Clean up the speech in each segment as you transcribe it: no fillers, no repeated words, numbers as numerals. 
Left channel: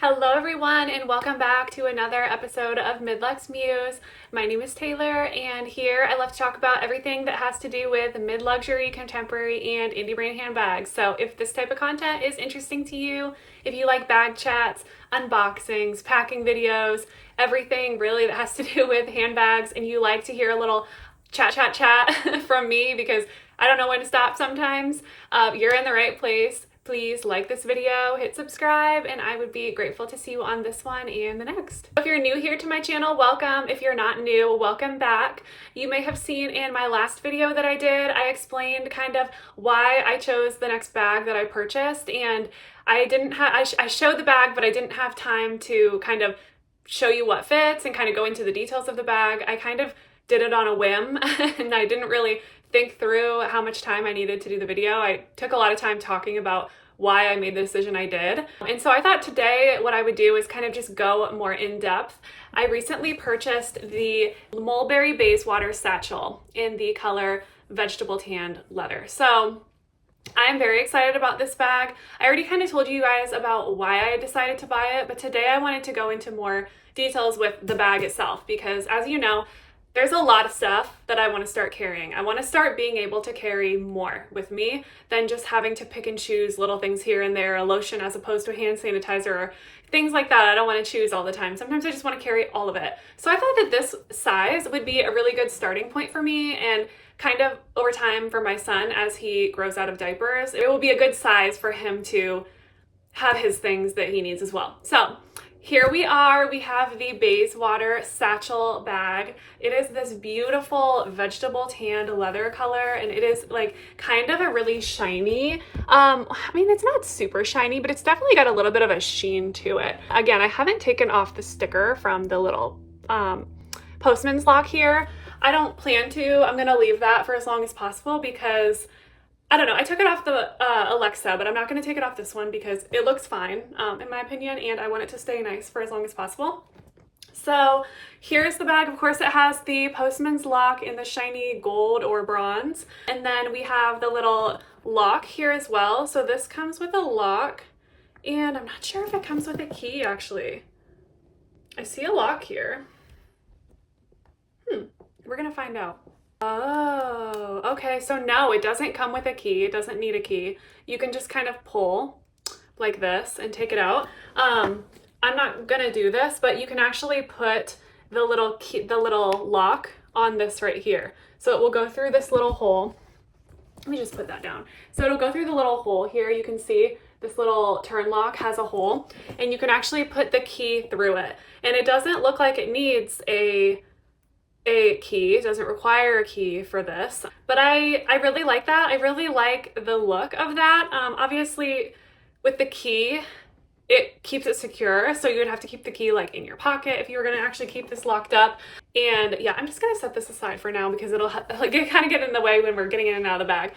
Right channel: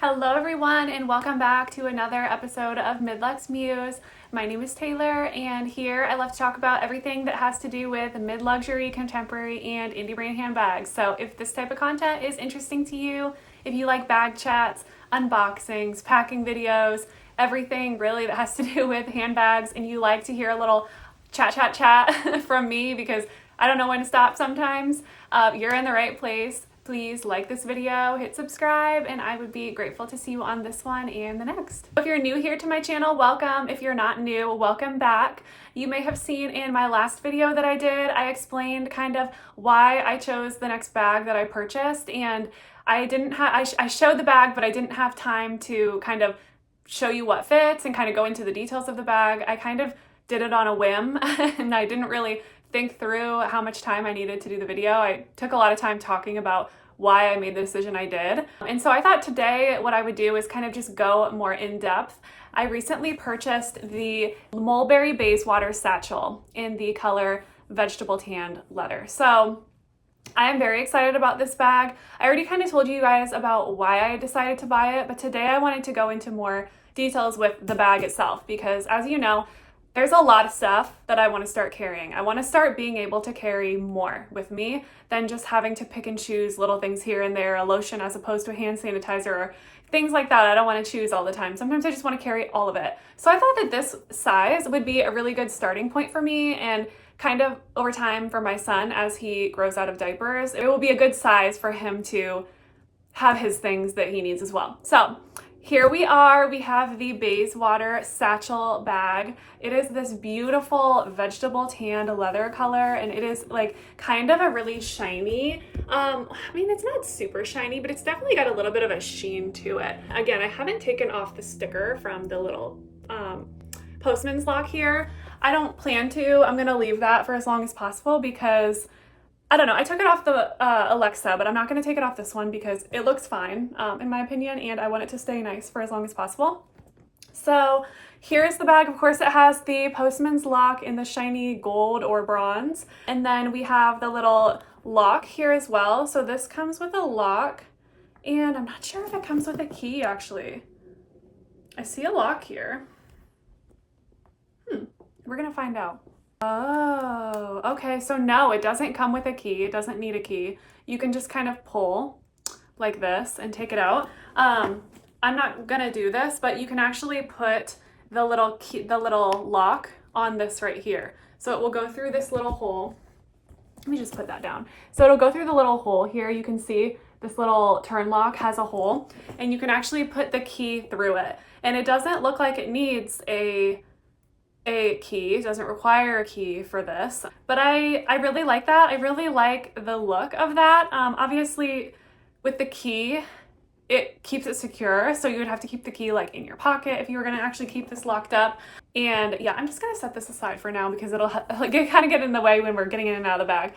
Hello everyone and welcome back to another episode of Midluxemuse. My name is Taylor and here I love to talk about everything that has to do with mid-luxury, contemporary, and indie brand handbags. So if this type of content is interesting to you, if you like bag chats, unboxings, packing videos, everything really that has to do with handbags, and you like to hear a little chat from me because I don't know when to stop sometimes, you're in the right place. Please like this video, hit subscribe, and I would be grateful to see you on this one and the next. If you're new here to my channel, welcome. If you're not new, welcome back. You may have seen in my last video that I did, I explained kind of why I chose the next bag that I purchased, and I showed the bag, but I didn't have time to kind of show you what fits and kind of go into the details of the bag. I kind of did it on a whim and I didn't really think through how much time I needed to do the video. I took a lot of time talking about why I made the decision I did. And so I thought today what I would do is kind of just go more in depth. I recently purchased the Mulberry Bayswater Satchel in the color vegetable tanned leather. So I am very excited about this bag. I already kind of told you guys about why I decided to buy it, but today I wanted to go into more details with the bag itself because, as you know, there's a lot of stuff that I want to start carrying. I want to start being able to carry more with me than just having to pick and choose little things here and there, a lotion as opposed to a hand sanitizer or things like that. I don't want to choose all the time. Sometimes I just want to carry all of it. So I thought that this size would be a really good starting point for me, and kind of over time for my son as he grows out of diapers, it will be a good size for him to have his things that he needs as well. So here we are, we have the Bayswater Satchel bag. It is this beautiful vegetable tanned leather color, and it is like kind of a really shiny, I mean, it's not super shiny, but it's definitely got a little bit of a sheen to it. Again, I haven't taken off the sticker from the little postman's lock here. I don't plan to. I'm gonna leave that for as long as possible because I don't know, I took it off the Alexa, but I'm not going to take it off this one because it looks fine, in my opinion, and I want it to stay nice for as long as possible. So here's the bag. Of course, it has the postman's lock in the shiny gold or bronze, and then we have the little lock here as well. So this comes with a lock, and I'm not sure if it comes with a key, actually. I see a lock here. We're going to find out. Oh, okay. So no, it doesn't come with a key. It doesn't need a key. You can just kind of pull like this and take it out. I'm not gonna do this, but you can actually put the little key, the little lock on this right here. So it will go through this little hole. Let me just put that down. So it'll go through the little hole here. You can see this little turn lock has a hole, and you can actually put the key through it. And it doesn't look like it needs a key. It doesn't require a key for this, but I really like that. I really like the look of that. Obviously with the key, it keeps it secure, so you would have to keep the key like in your pocket if you were going to actually keep this locked up. And yeah, I'm just going to set this aside for now because it'll like kind of get in the way when we're getting in and out of the bag.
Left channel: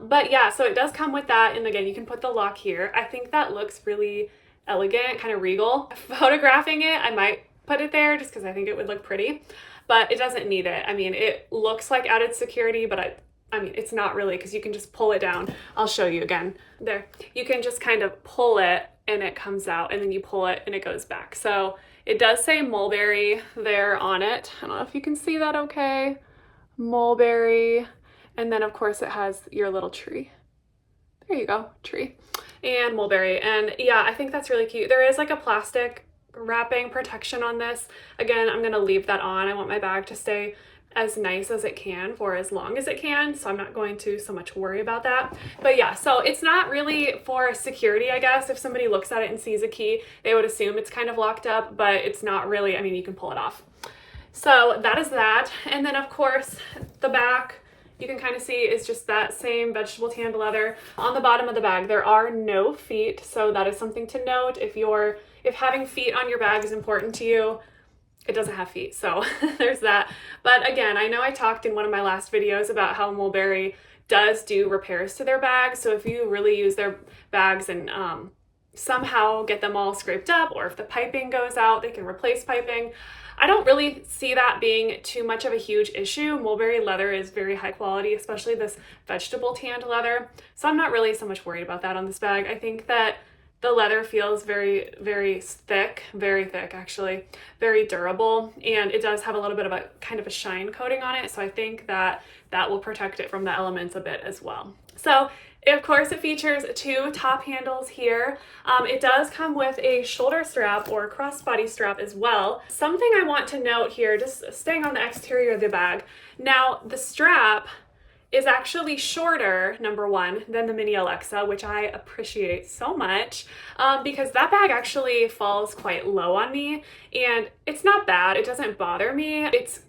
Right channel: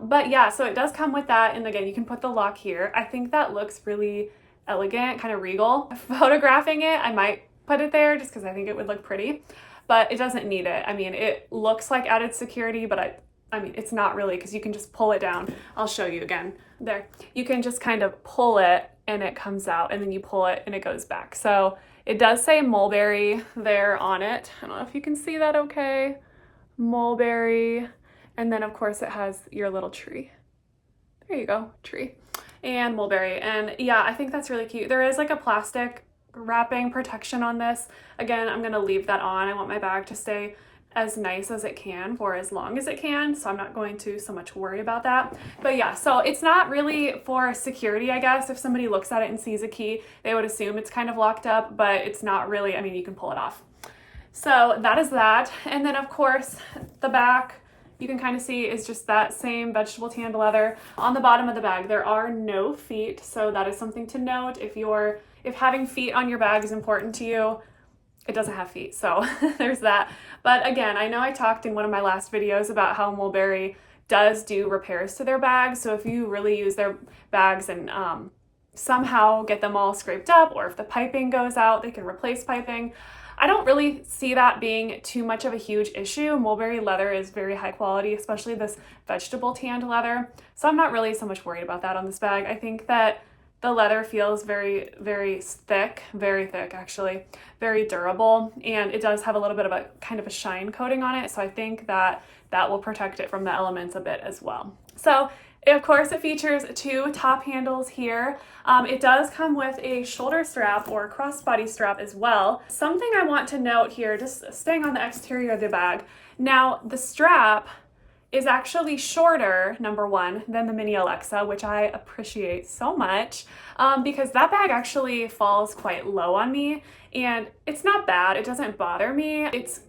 But yeah, so it does come with that, and again, you can put the lock here. I think that looks really elegant, kind of regal. Photographing it, I might put it there just because I think it would look pretty. But it doesn't need it. I mean, it looks like added security, but I mean, it's not really, because you can just pull it down. I'll show you again. There. You can just kind of pull it and it comes out, and then you pull it and it goes back. So it does say Mulberry there on it. I don't know if you can see that okay. Mulberry. And then of course it has your little tree. There you go, tree. And Mulberry. And yeah, I think that's really cute. There is like a plastic wrapping protection on this. Again, I'm going to leave that on. I want my bag to stay as nice as it can for as long as it can, so I'm not going to so much worry about that. But yeah, so it's not really for security, I guess. If somebody looks at it and sees a key, they would assume it's kind of locked up, but it's not really. I mean, you can pull it off. So that is that. And then of course the back, you can kind of see, is just that same vegetable tanned leather. On the bottom of the bag, there are no feet, so that is something to note. If having feet on your bag is important to you, it doesn't have feet, so there's that. But again, I know I talked in one of my last videos about how Mulberry does do repairs to their bags, so if you really use their bags and somehow get them all scraped up, or if the piping goes out, they can replace piping. I don't really see that being too much of a huge issue. Mulberry leather is very high quality, especially this vegetable tanned leather, so I'm not really so much worried about that on this bag. I think that The leather feels very, very thick actually, very durable, and it does have a little bit of a kind of a shine coating on it, so I think that that will protect it from the elements a bit as well. So of course it features 2 top handles here. It does come with a shoulder strap or crossbody strap as well. Something I want to note here, just staying on the exterior of the bag. Now the strap is actually shorter, number one, than the Mini Alexa, which I appreciate so much, because that bag actually falls quite low on me, and it's not bad. It doesn't bother me. It's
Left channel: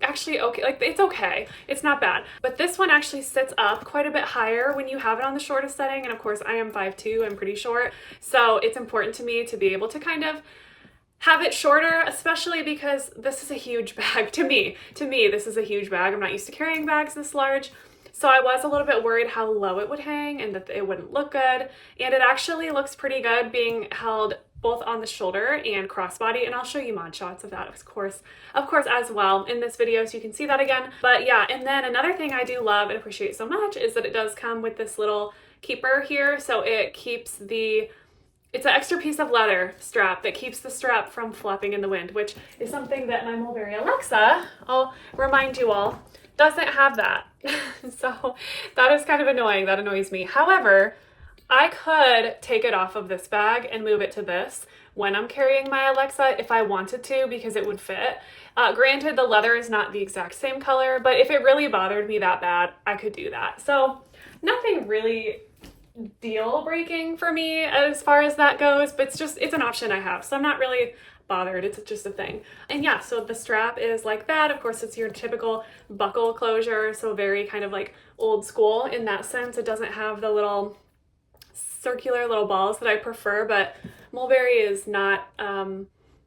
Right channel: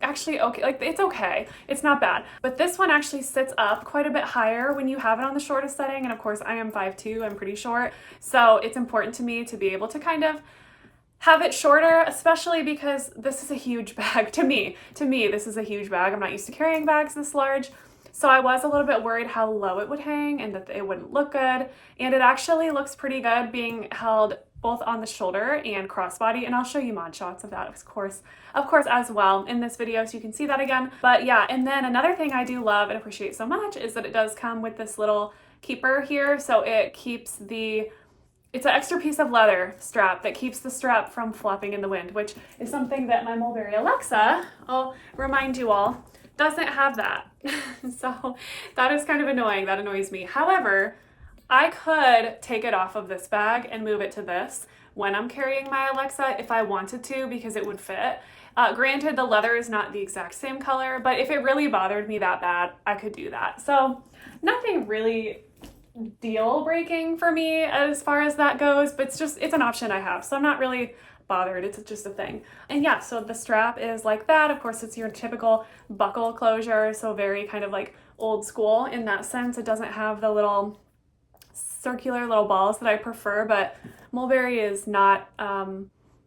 actually okay. Like, it's okay. It's not bad. But this one actually sits up quite a bit higher when you have it on the shortest setting, and of course I am 5'2", I'm pretty short, so it's important to me to be able to kind of have it shorter, especially because this is a huge bag to me. To me, this is a huge bag. I'm not used to carrying bags this large. So I was a little bit worried how low it would hang and that it wouldn't look good. And it actually looks pretty good being held both on the shoulder and crossbody. And I'll show you mod shots of that, of course, as well in this video, so you can see that again. But yeah, and then another thing I do love and appreciate so much is that it does come with this little keeper here. So it keeps it's an extra piece of leather strap that keeps the strap from flapping in the wind, which is something that my Mulberry Alexa, I'll remind you all, doesn't have that. So that is kind of annoying. That annoys me. However, I could take it off of this bag and move it to this when I'm carrying my Alexa if I wanted to, because it would fit. Granted, the leather is not the exact same color, but if it really bothered me that bad, I could do that. So nothing really deal breaking for me as far as that goes, but it's an option I have. So I'm not really bothered. It's just a thing. And yeah, so the strap is like that. Of course, it's your typical buckle closure, so very kind of like old school in that sense. It doesn't have the little circular little balls that I prefer, but Mulberry is not,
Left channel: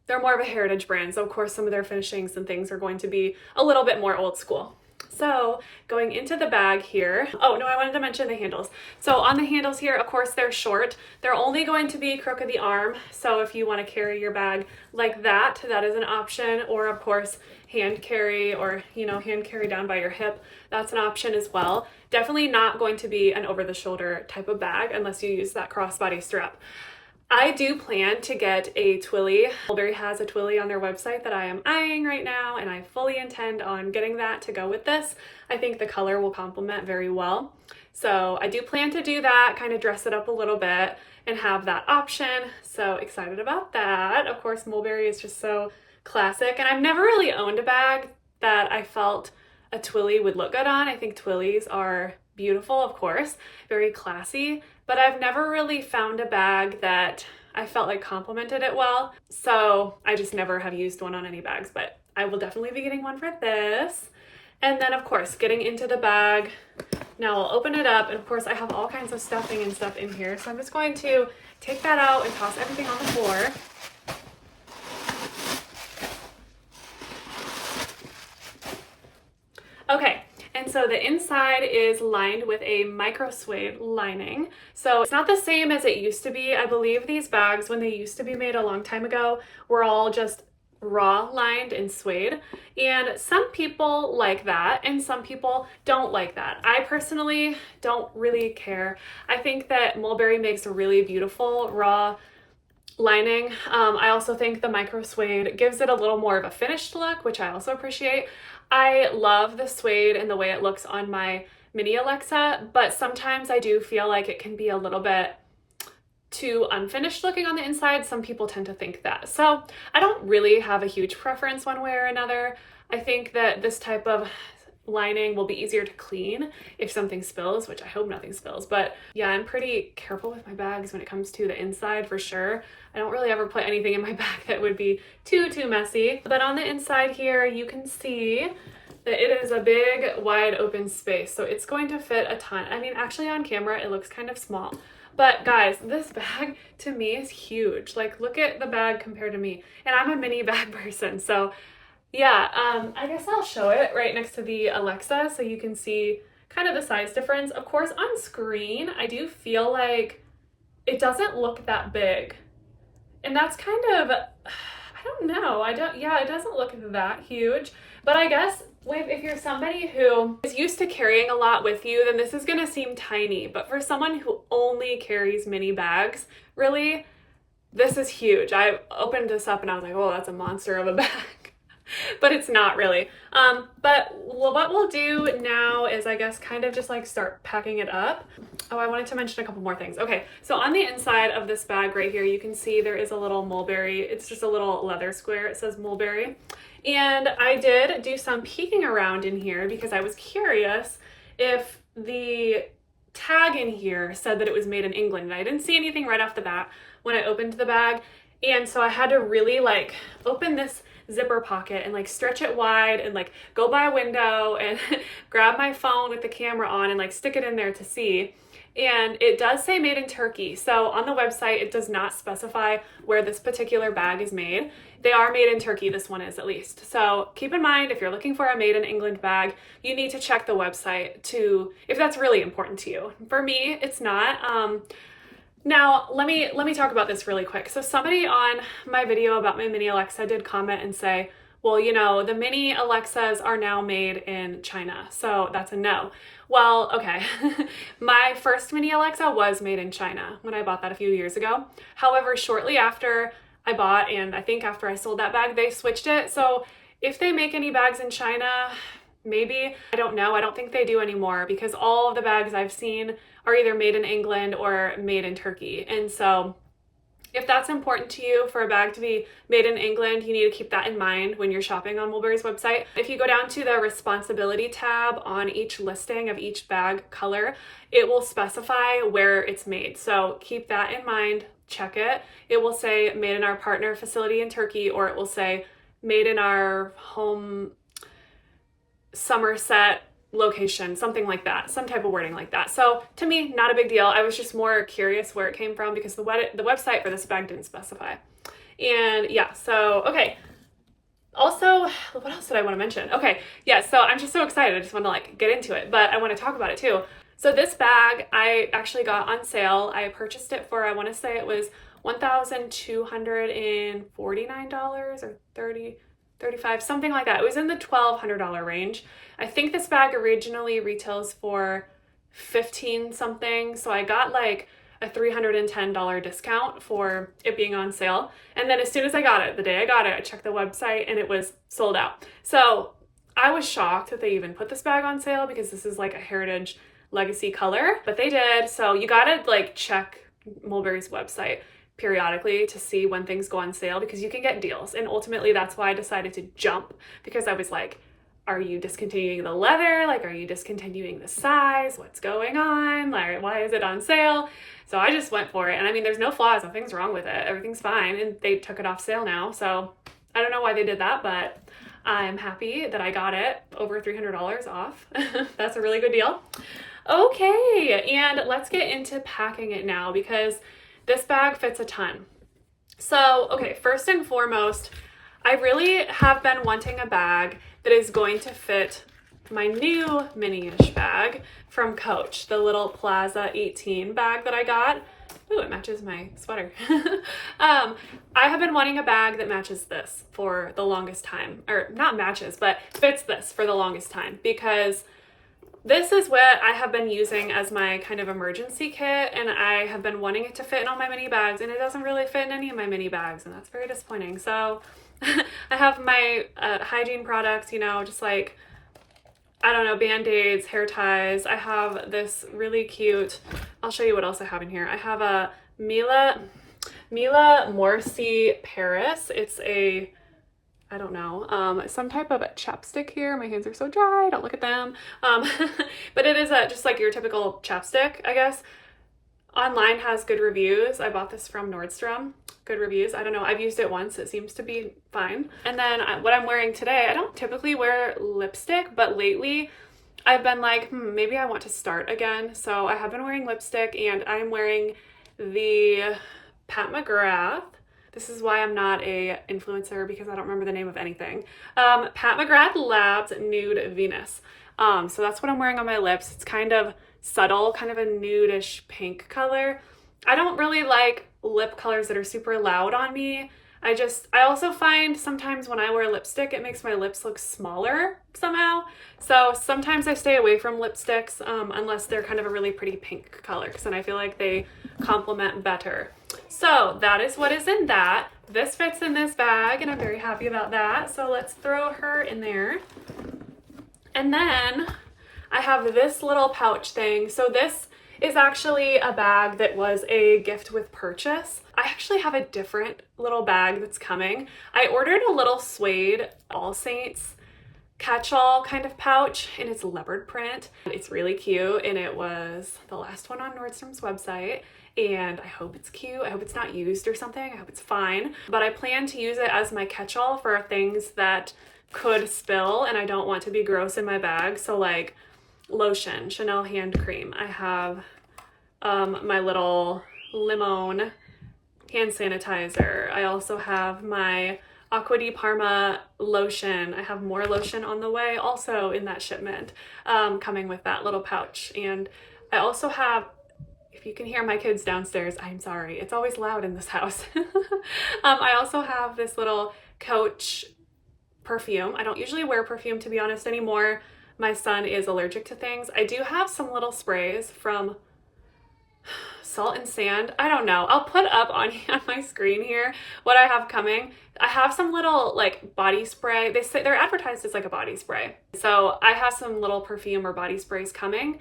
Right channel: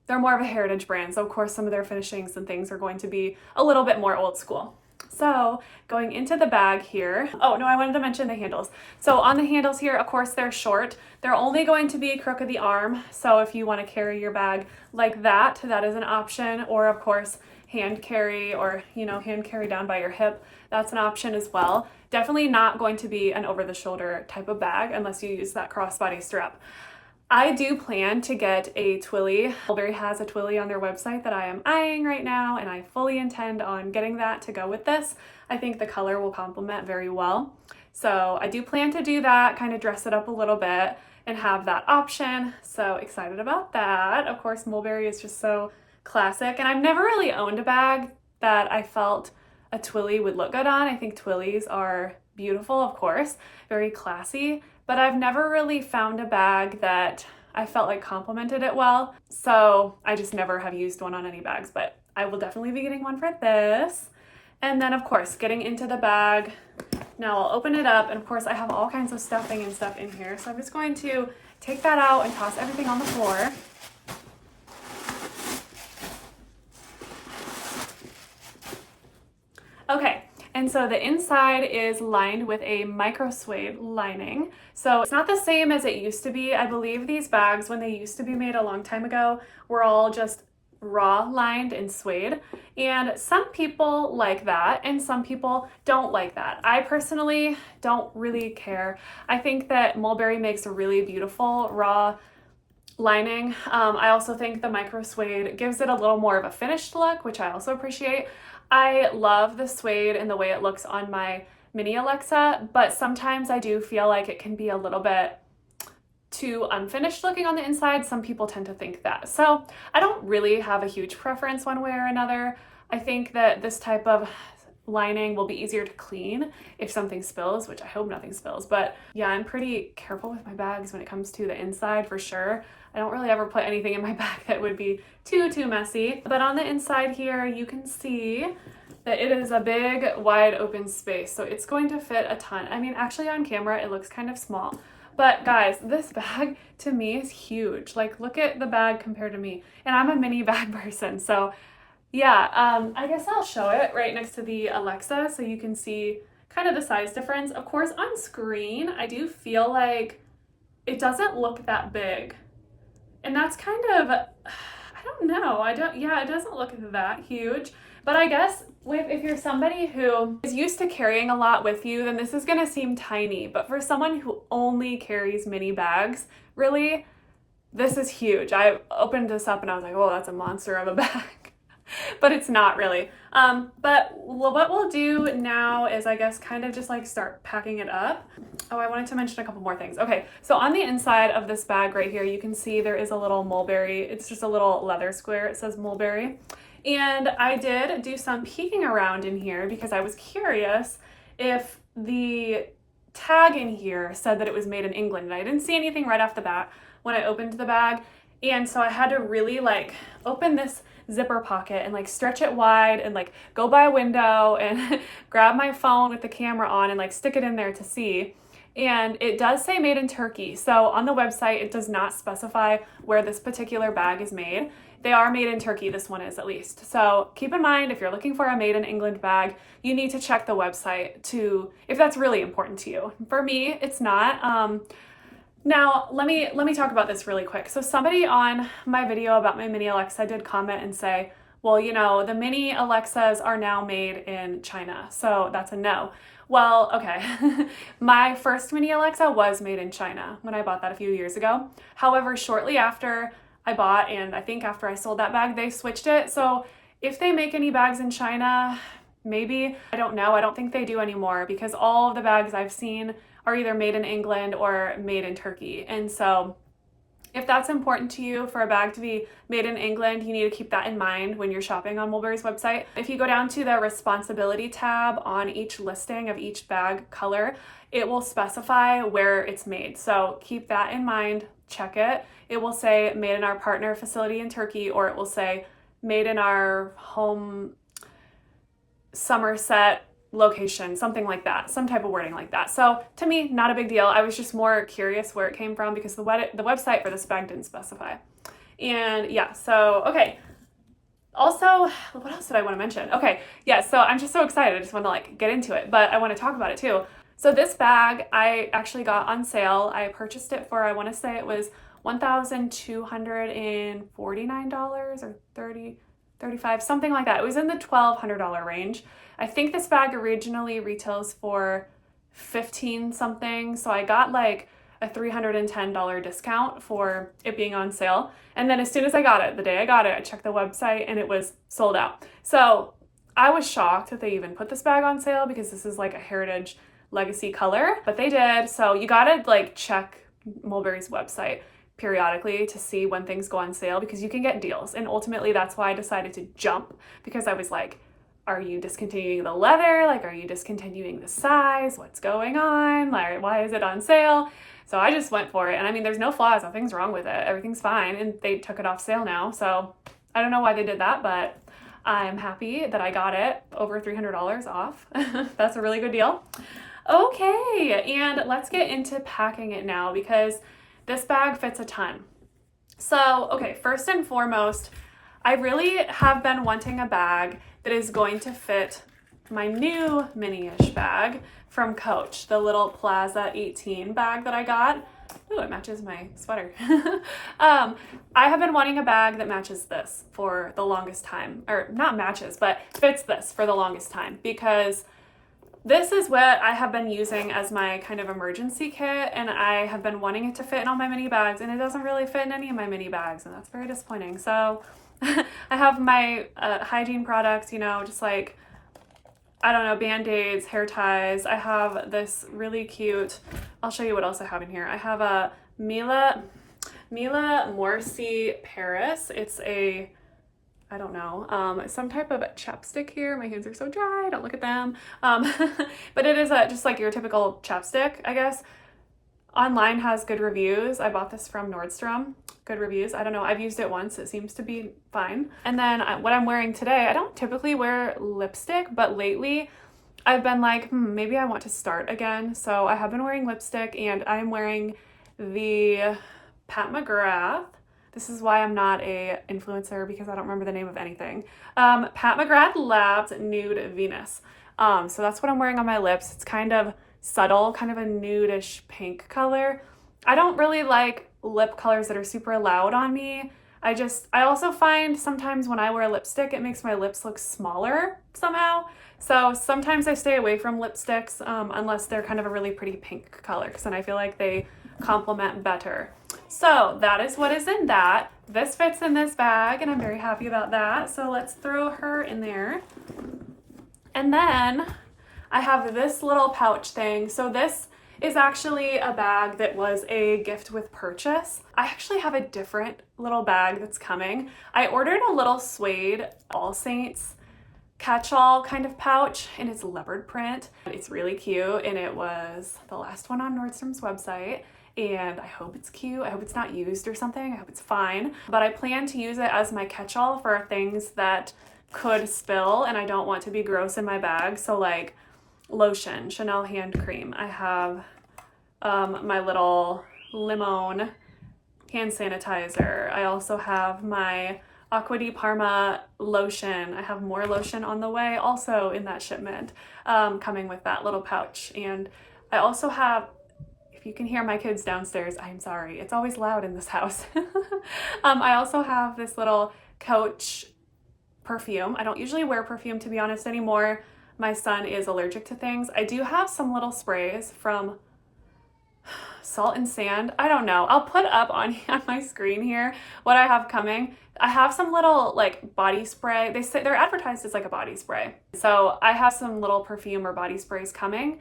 they're more of a heritage brand, so of course some of their finishings and things are going to be a little bit more old school. So going into the bag here, oh no, I wanted to mention the handles. So on the handles here, of course, they're short. They're only going to be crook of the arm. So if you want to carry your bag like that, that is an option. Or of course, hand carry, or, you know, hand carry down by your hip. That's an option as well. Definitely not going to be an over the shoulder type of bag unless you use that crossbody strap. I do plan to get a Twilly. Mulberry has a Twilly on their website that I am eyeing right now, and I fully intend on getting that to go with this. I think the color will complement very well. So I do plan to do that, kind of dress it up a little bit and have that option. So excited about that. Of course, Mulberry is just so classic, and I've never really owned a bag that I felt a Twilly would look good on. I think Twillys are beautiful, of course, very classy, but I've never really found a bag that I felt like complemented it well. So I just never have used one on any bags, but I will definitely be getting one for this. And then of course, getting into the bag. Now I'll open it up, and of course I have all kinds of stuffing and stuff in here. So I'm just going to take that out and toss everything on the floor. Okay. And so the inside is lined with a micro suede lining. So it's not the same as it used to be. I believe these bags, when they used to be made a long time ago, were all just raw lined in suede. And some people like that, and some people don't like that. I personally don't really care. I think that Mulberry makes a really beautiful raw lining. I also think the micro suede gives it a little more of a finished look, which I also appreciate. I love the suede and the way it looks on my Mini Alexa, but sometimes I do feel like it can be a little bit too unfinished looking on the inside. Some people tend to think that. So I don't really have a huge preference one way or another. I think that this type of lining will be easier to clean if something spills, which I hope nothing spills. But yeah, I'm pretty careful with my bags when it comes to the inside for sure. I don't really ever put anything in my bag that would be too messy. But on the inside here, you can see that it is a big, wide open space. So it's going to fit a ton. I mean, actually on camera, it looks kind of small. But guys, this bag to me is huge. Like, look at the bag compared to me. And I'm a mini bag person. So yeah, I guess I'll show it right next to the Alexa so you can see kind of the size difference. Of course, on screen, I do feel like it doesn't look that big. And that's kind of, I don't know. Yeah, it doesn't look that huge. But I guess if you're somebody who is used to carrying a lot with you, then this is gonna seem tiny. But for someone who only carries mini bags, really, this is huge. I opened this up and I was like, oh, that's a monster of a bag. But it's not really. But what we'll do now is, I guess, kind of just like start packing it up. Oh, I wanted to mention a couple more things. Okay, so on the inside of this bag right here, you can see there is a little mulberry. It's just a little leather square. It says mulberry. And I did do some peeking around in here because I was curious if the tag in here said that it was made in England. And I didn't see anything right off the bat when I opened the bag. And so I had to really like open this zipper pocket and like stretch it wide and like go by a window and grab my phone with the camera on and like stick it in there to see. And it does say made in Turkey. So on the website, it does not specify where this particular bag is made. They are made in Turkey, this one is at least. So keep in mind, if you're looking for a made in England bag, you need to check the website if that's really important to you. For me, it's not. Now, let me talk about this really quick. So somebody on my video about my mini Alexa did comment and say, well, you know, the mini Alexas are now made in China. So that's a no. Well, okay. My first mini Alexa was made in China when I bought that a few years ago. However, shortly after I bought, and I think after I sold that bag, they switched it. So if they make any bags in China, maybe, I don't know. I don't think they do anymore because all of the bags I've seen are either made in England or made in Turkey. And so if that's important to you for a bag to be made in England, you need to keep that in mind when you're shopping on Mulberry's website. If you go down to the responsibility tab on each listing of each bag color, it will specify where it's made. So keep that in mind, check it. It will say made in our partner facility in Turkey, or it will say made in our home Somerset location, something like that, some type of wording like that. So to me, not a big deal. I was just more curious where it came from because the website for this bag didn't specify. And yeah, so, okay. Also, what else did I want to mention? Okay, yeah, so I'm just so excited. I just want to like get into it, but I want to talk about it too. So this bag I actually got on sale. I purchased it for, I want to say it was $1,249 or $35, something like that. It was in the $1,200 range. I think this bag originally retails for $15 something. So I got like a $310 discount for it being on sale. And then as soon as I got it, the day I got it, I checked the website and it was sold out. So I was shocked that they even put this bag on sale because this is like a heritage legacy color, but they did. So you gotta like check Mulberry's website periodically to see when things go on sale because you can get deals. And ultimately that's why I decided to jump, because I was like, are you discontinuing the leather? Like, are you discontinuing the size? What's going on? Like, why is it on sale? So I just went for it. And I mean, there's no flaws, nothing's wrong with it. Everything's fine. And they took it off sale now. So I don't know why they did that, but I'm happy that I got it over $300 off. That's a really good deal. Okay, and let's get into packing it now because this bag fits a ton. So, okay, first and foremost, I really have been wanting a bag that is going to fit my new mini-ish bag from Coach, the little Plaza 18 bag that I got. Ooh, it matches my sweater. I have been wanting a bag that matches this for the longest time, or not matches, but fits this for the longest time, because this is what I have been using as my kind of emergency kit, and I have been wanting it to fit in all my mini bags, and it doesn't really fit in any of my mini bags, and that's very disappointing. So I have my hygiene products, you know, just like, I don't know, Band-Aids, hair ties. I have this really cute, I'll show you what else I have in here. I have a Mila Morsi Paris. It's a, I don't know, some type of chapstick here. My hands are so dry, don't look at them. But it is just like your typical chapstick, I guess. Online has good reviews. I bought this from Nordstrom. Good reviews. I don't know. I've used it once. It seems to be fine. And then what I'm wearing today, I don't typically wear lipstick, but lately I've been like, maybe I want to start again. So I have been wearing lipstick, and I'm wearing the Pat McGrath. This is why I'm not a influencer, because I don't remember the name of anything. Pat McGrath Labs Nude Venus. So that's what I'm wearing on my lips. It's kind of subtle, kind of a nudish pink color. I don't really like lip colors that are super loud on me. I also find sometimes when I wear lipstick, it makes my lips look smaller somehow. So sometimes I stay away from lipsticks unless they're kind of a really pretty pink color, because then I feel like they complement better. So that is what is in that. This fits in this bag and I'm very happy about that. So let's throw her in there. And then I have this little pouch thing. So this is actually a bag that was a gift with purchase. I actually have a different little bag that's coming. I ordered a little suede All Saints catch-all kind of pouch, and it's leopard print. It's really cute, and it was the last one on Nordstrom's website, and I hope it's cute. I hope it's not used or something. I hope it's fine, but I plan to use it as my catch-all for things that could spill and I don't want to be gross in my bag. So like lotion, Chanel hand cream. I have my little Limone hand sanitizer. I also have my Acqua di Parma lotion. I have more lotion on the way also in that shipment, coming with that little pouch. And I also have, if you can hear my kids downstairs, I'm sorry, it's always loud in this house. I also have this little Coach perfume. I don't usually wear perfume, to be honest, anymore. My son is allergic to things. I do have some little sprays from Salt and Sand. I don't know. I'll put up on my screen here what I have coming. I have some little like body spray. They say they're advertised as like a body spray. So I have some little perfume or body sprays coming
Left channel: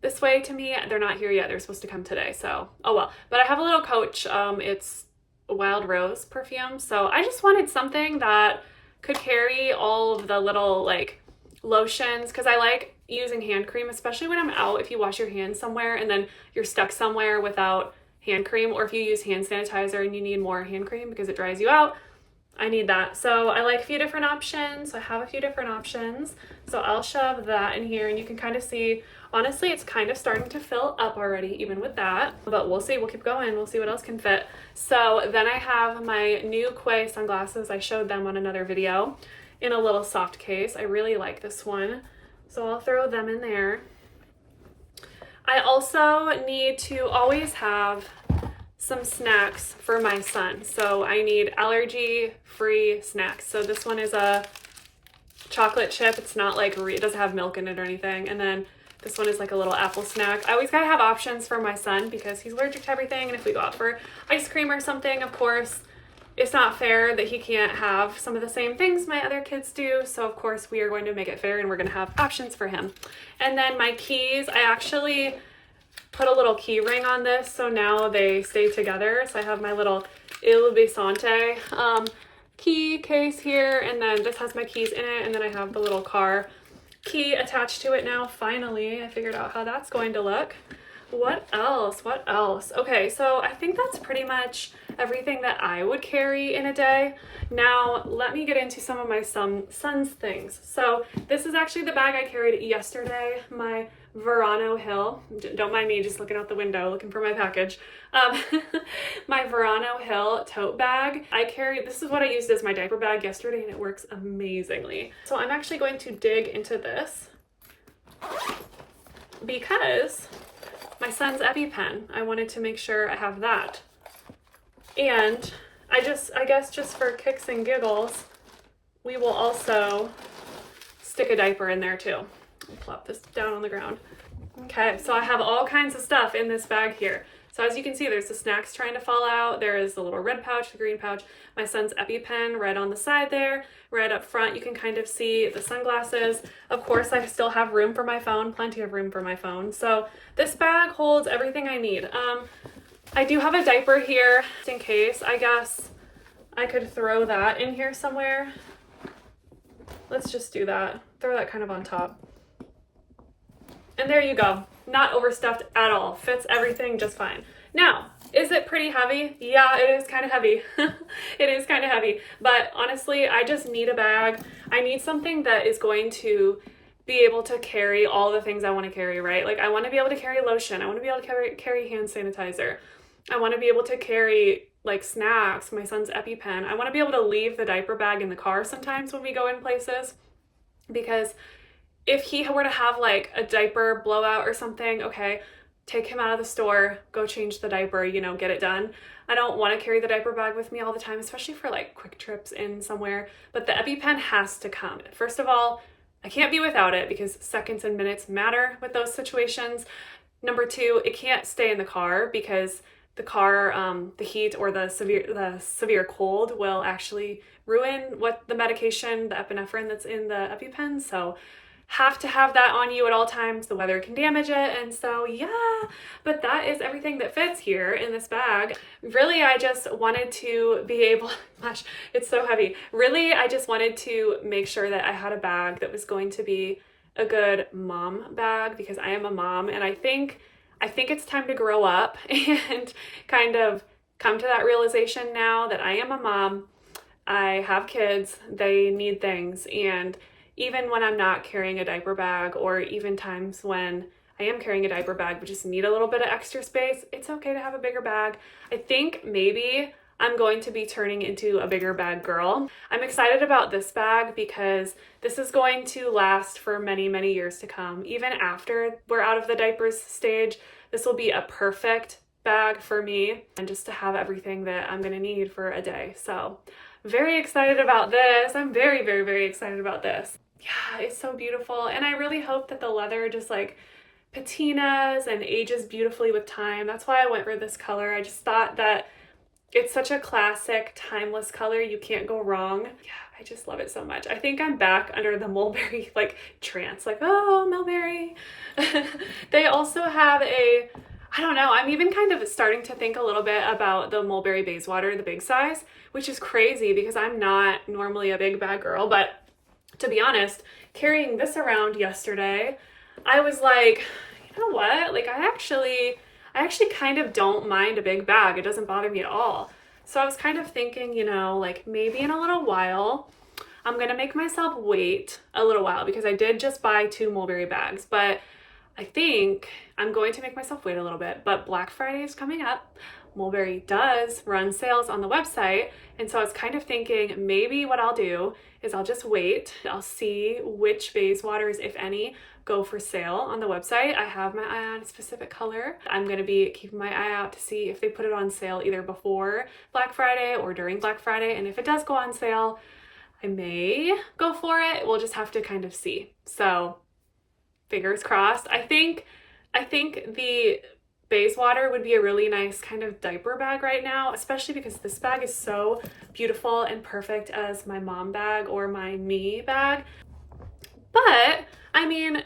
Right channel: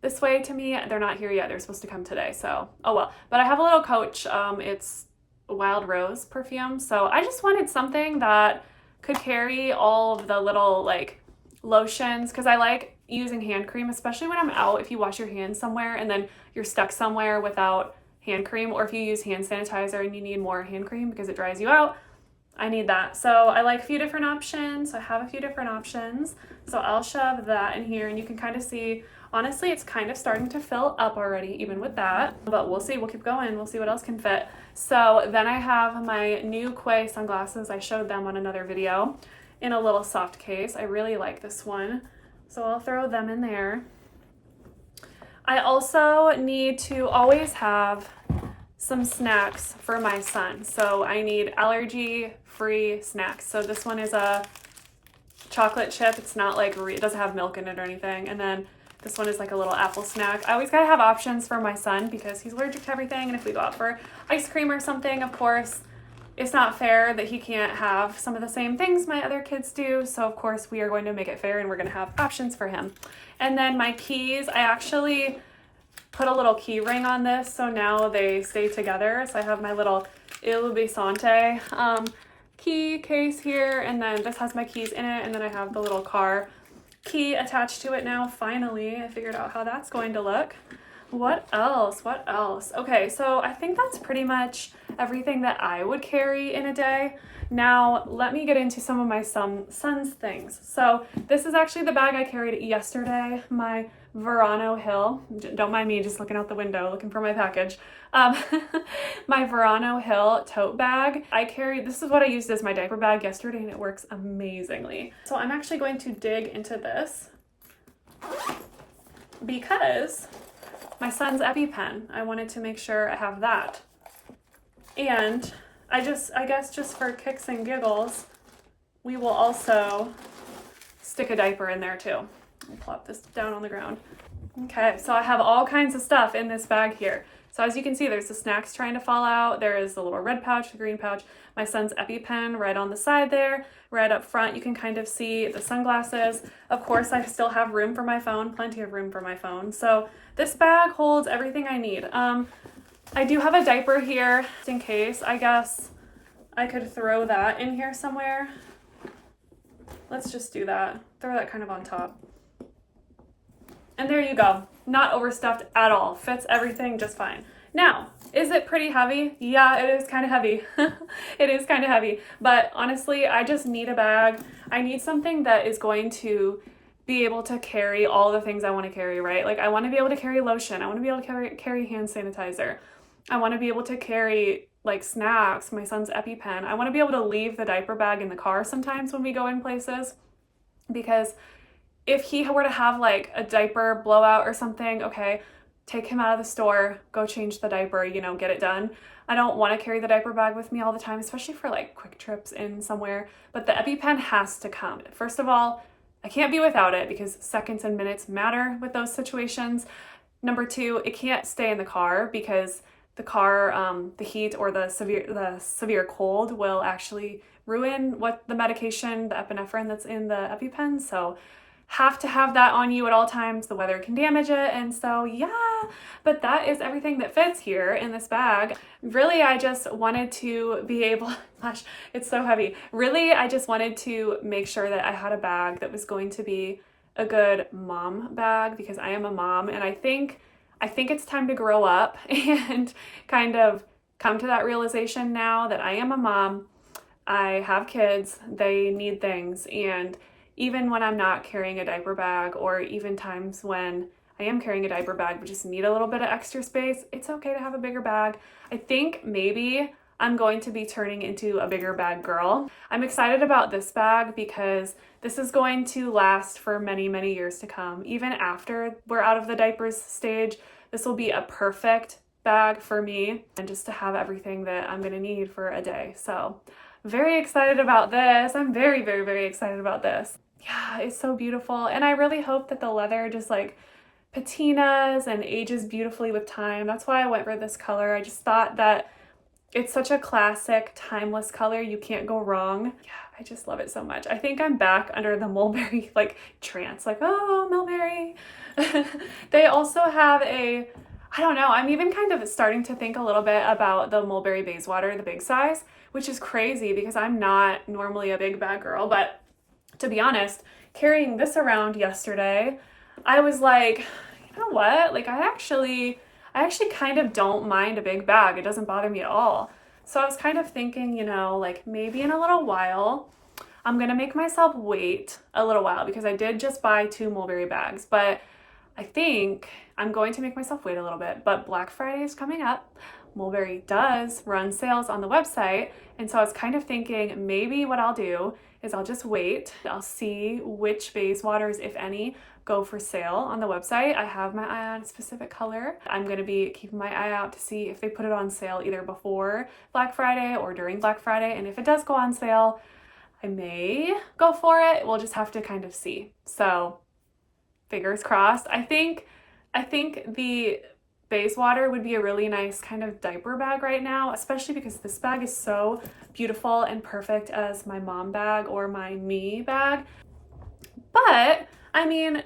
this way to me. They're not here yet. They're supposed to come today. So, oh well. But I have a little Coach. It's Wild Rose perfume. So I just wanted something that could carry all of the little like lotions, because I like using hand cream, especially when I'm out. If you wash your hands somewhere and then you're stuck somewhere without hand cream, or if you use hand sanitizer and you need more hand cream because it dries you out, I need that. So I like a few different options. I have a few different options. So I'll shove that in here and you can kind of see, honestly, it's kind of starting to fill up already, even with that, but we'll see. We'll keep going. We'll see what else can fit. So then I have my new Quay sunglasses. I showed them on another video in a little soft case. I really like this one. So I'll throw them in there. I also need to always have some snacks for my son. So I need allergy-free snacks. So this one is a chocolate chip. It's not like, it doesn't have milk in it or anything. And then this one is like a little apple snack. I always gotta have options for my son because he's allergic to everything. And if we go out for ice cream or something, of course, it's not fair that he can't have some of the same things my other kids do. So of course we are going to make it fair and we're gonna have options for him. And then my keys, I actually put a little key ring on this, so now they stay together. So I have my little Il Bisonte key case here, and then this has my keys in it, and then I have the little car key attached to it now. Finally, I figured out how that's going to look. What else? What else? Okay, so I think that's pretty much everything that I would carry in a day. Now, let me get into some of my son's things. So this is actually the bag I carried yesterday, my Verano Hill. Don't mind me just looking out the window, looking for my package. My Verano Hill tote bag. This is what I used as my diaper bag yesterday, and it works amazingly. So I'm actually going to dig into this because my son's EpiPen, I wanted to make sure I have that. And I guess just for kicks and giggles, we will also stick a diaper in there too. I'll plop this down on the ground. Okay, so I have all kinds of stuff in this bag here. So as you can see, there's the snacks trying to fall out. There is the little red pouch, the green pouch, my son's EpiPen right on the side there. Right up front, you can kind of see the sunglasses. Of course, I still have room for my phone, plenty of room for my phone. So this bag holds everything I need. I do have a diaper here just in case. I guess I could throw that in here somewhere. Let's just do that. Throw that kind of on top. And there you go. Not overstuffed at all. Fits everything just fine. Now, is it pretty heavy? Yeah, it is kind of heavy. It is kind of heavy. But honestly, I just need a bag. I need something that is going to be able to carry all the things I want to carry, right? Like I want to be able to carry lotion. I want to be able to carry hand sanitizer. I want to be able to carry like snacks, my son's EpiPen. I want to be able to leave the diaper bag in the car sometimes when we go in places, because if he were to have like a diaper blowout or something, okay, take him out of the store, go change the diaper, you know, get it done. I don't want to carry the diaper bag with me all the time, especially for like quick trips in somewhere, but the EpiPen has to come. First of all, I can't be without it because seconds and minutes matter with those situations. Number two, it can't stay in the car because the car, the heat or the severe cold will actually ruin what the medication, the epinephrine that's in the EpiPen. So have to have that on you at all times. The weather can damage it. And so, yeah, but that is everything that fits here in this bag. Really, I just wanted to be able, gosh, it's so heavy. Really, I just wanted to make sure that I had a bag that was going to be a good mom bag because I am a mom, and I think it's time to grow up and kind of come to that realization now that I am a mom. I have kids, they need things, and even when I'm not carrying a diaper bag, or even times when I am carrying a diaper bag but just need a little bit of extra space, it's okay to have a bigger bag. I think maybe I'm going to be turning into a bigger bag girl. I'm excited about this bag because this is going to last for many, many years to come. Even after we're out of the diapers stage, this will be a perfect bag for me and just to have everything that I'm gonna need for a day. So very excited about this. I'm very, very, very excited about this. Yeah, it's so beautiful. And I really hope that the leather just like patinas and ages beautifully with time. That's why I went for this color. I just thought that it's such a classic, timeless color. You can't go wrong. Yeah, I just love it so much. I think I'm back under the Mulberry like trance, like, oh, Mulberry. They also have I don't know, I'm even kind of starting to think a little bit about the Mulberry Bayswater, the big size, which is crazy because I'm not normally a big bag girl, but to be honest, carrying this around yesterday, I was like, you know what? Like I actually kind of don't mind a big bag. It doesn't bother me at all. So I was kind of thinking, you know, like maybe in a little while, I'm gonna make myself wait a little while because I did just buy 2 Mulberry bags, but I think I'm going to make myself wait a little bit. But Black Friday is coming up. Mulberry does run sales on the website. And so I was kind of thinking maybe what I'll do is I'll just wait. I'll see which Bayswaters, if any, go for sale on the website. I have my eye on a specific color. I'm going to be keeping my eye out to see if they put it on sale either before Black Friday or during Black Friday. And if it does go on sale, I may go for it. We'll just have to kind of see. So fingers crossed. I think the Bayswater would be a really nice kind of diaper bag right now, especially because this bag is so beautiful and perfect as my mom bag or my me bag. But I mean,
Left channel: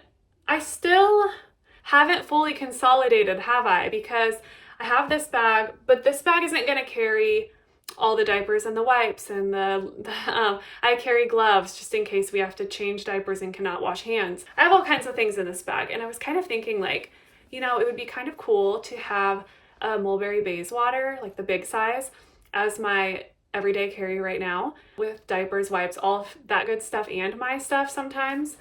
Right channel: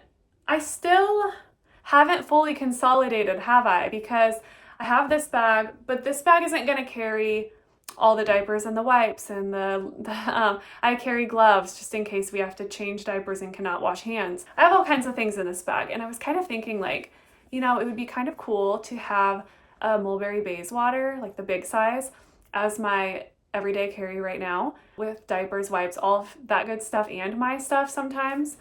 I still haven't fully consolidated, have I? Because I have this bag, but this bag isn't going to carry all the diapers and the wipes and I carry gloves just in case we have to change diapers and cannot wash hands. I have all kinds of things in this bag, and I was kind of thinking like, you know, it would be kind of cool to have a Mulberry Bayswater, like the big size, as my everyday carry right now with diapers, wipes, all of that good stuff, and my stuff sometimes.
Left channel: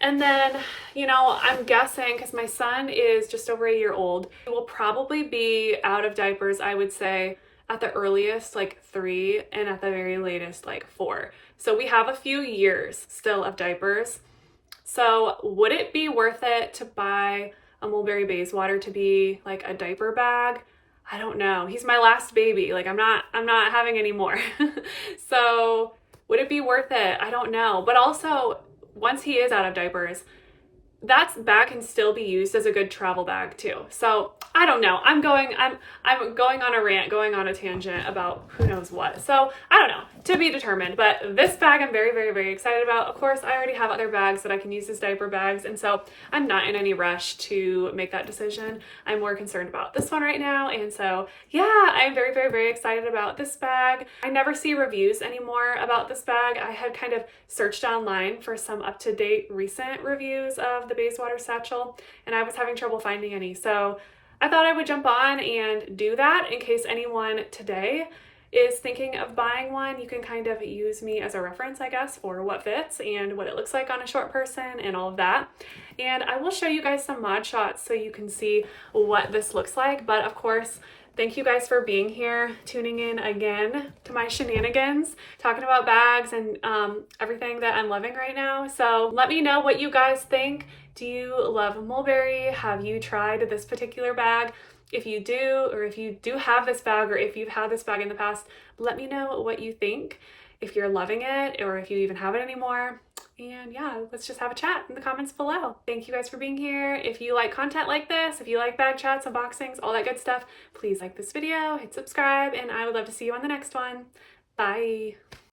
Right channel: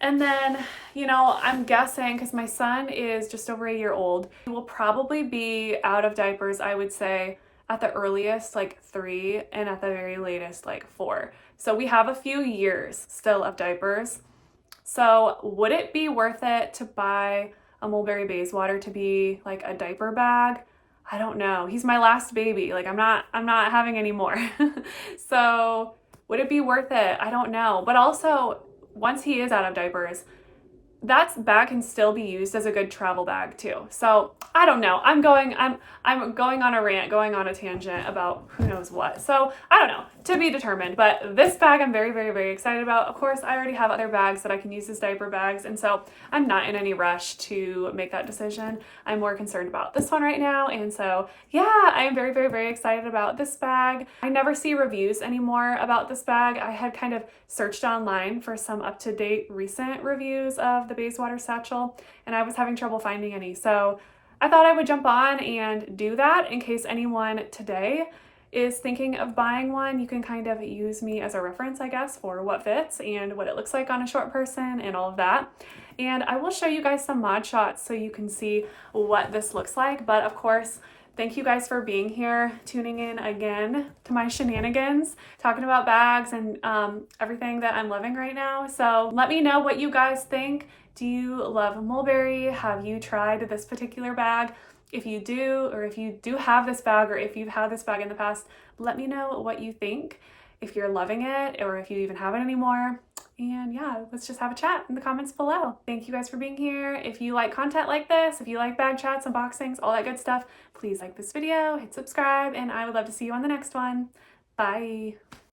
And then, you know, I'm guessing because my son is just over a year old, he will probably be out of diapers, I would say, at the earliest like 3 and at the very latest like 4. So we have a few years still of diapers. So would it be worth it to buy a Mulberry Bayswater to be like a diaper bag? I don't know. He's my last baby. Like I'm not having any more. So would it be worth it? I don't know. But also once he is out of diapers, that bag can still be used as a good travel bag too. So I don't know. I'm going on a rant, going on a tangent about who knows what. So I don't know, to be determined. But this bag I'm very, very, very excited about. Of course, I already have other bags that I can use as diaper bags. And so I'm not in any rush to make that decision. I'm more concerned about this one right now. And so yeah, I am very, very, very excited about this bag. I never see reviews anymore about this bag. I had kind of searched online for some up-to-date recent reviews of the Bayswater Satchel, and I was having trouble finding any. So I thought I would jump on and do that in case anyone today is thinking of buying one. You can kind of use me as a reference, I guess, for what fits and what it looks like on a short person and all of that. And I will show you guys some mod shots so you can see what this looks like. But of course, thank you guys for being here, tuning in again to my shenanigans, talking about bags and everything that I'm loving right now. So let me know what you guys think. Do you love Mulberry? Have you tried this particular bag? If you do, or if you do have this bag, or if you've had this bag in the past, let me know what you think, if you're loving it, or if you even have it anymore. And yeah, let's just have a chat in the comments below. Thank you guys for being here. If you like content like this, if you like bag chats, unboxings, all that good stuff, please like this video, hit subscribe, and I would love to see you on the next one. Bye.